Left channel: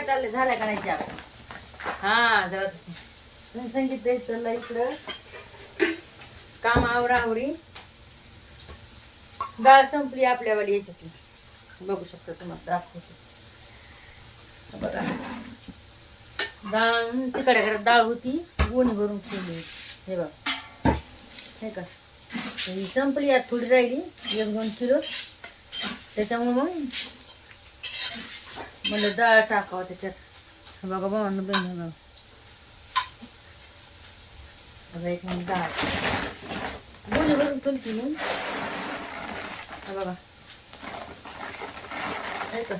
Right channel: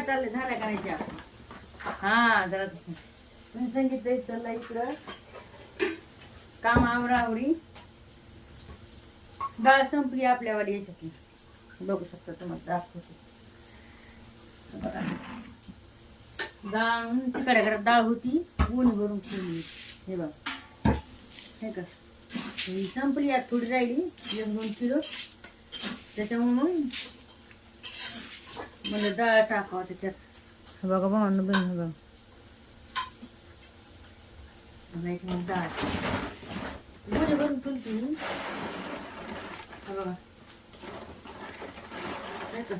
काय चाललंय, झाल्या का नाही चहा? हा जरा संगीत चालला इकडं काम आवरावरी. डाळ संपली आपल्यावाली याच्यातली, बघू शकता तुम्हाला दाखवते बघा. डाळ तिकडे घरात डाळ होती, गोणी भरून ठेवली. हे बघा हे का, ही संपली, आज थोडी राहिली 1-2 किलो. त्याच्यामुळे मग मला डाळ टाकावं त्याच्यात. बघा भावांनो बहिणी बघा, एक मिनिट डाळ गोणी भरून ठेवली मी. बघा हे का,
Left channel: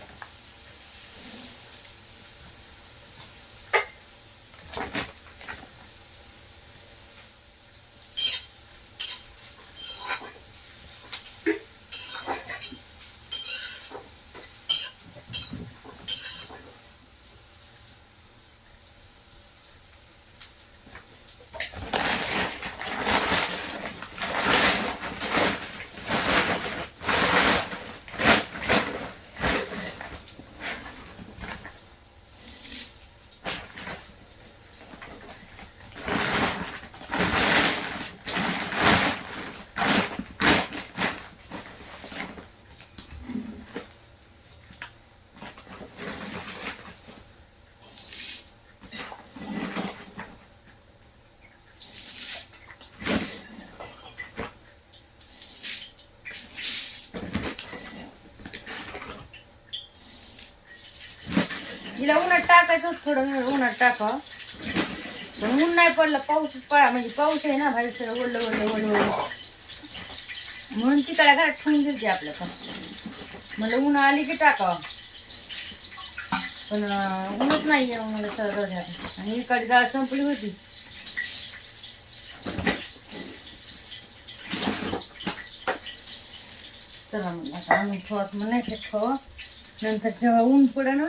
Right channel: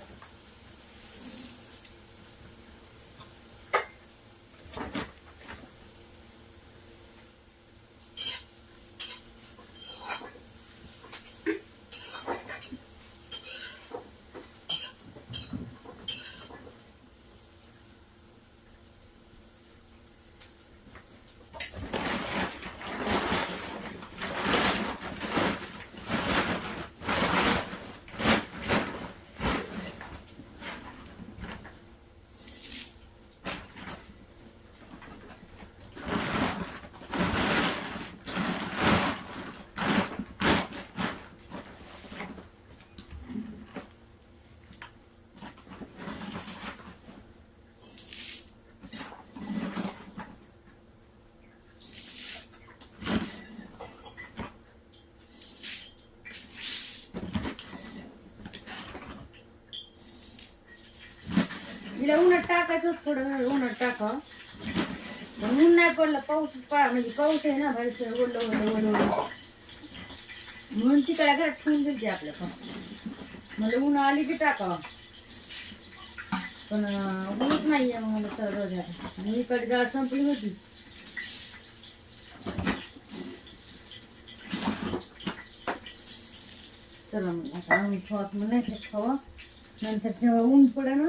हिला उन्हात टाकायचं थोडं वेळ, उन्हात टाका. पण ऊन नाही पडला, पाऊस पडा म्हणजे पाऊस आहे ना बाहेर, सगळं ओढलं ओढलं ओढलं म्हणून तिकडे घरात ठेवून दिली आपल्या पण. मला ऊन आली की टाकावं, पण ऊनच नाही आहे मला सगळं. आणि इकडे डाळ संपली होती. चला मग आता आणून ठेवा, मग नाही ठेवा, नंतर जेव्हा ऊन पडे ना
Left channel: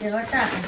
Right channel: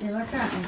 तेव्हा टाका.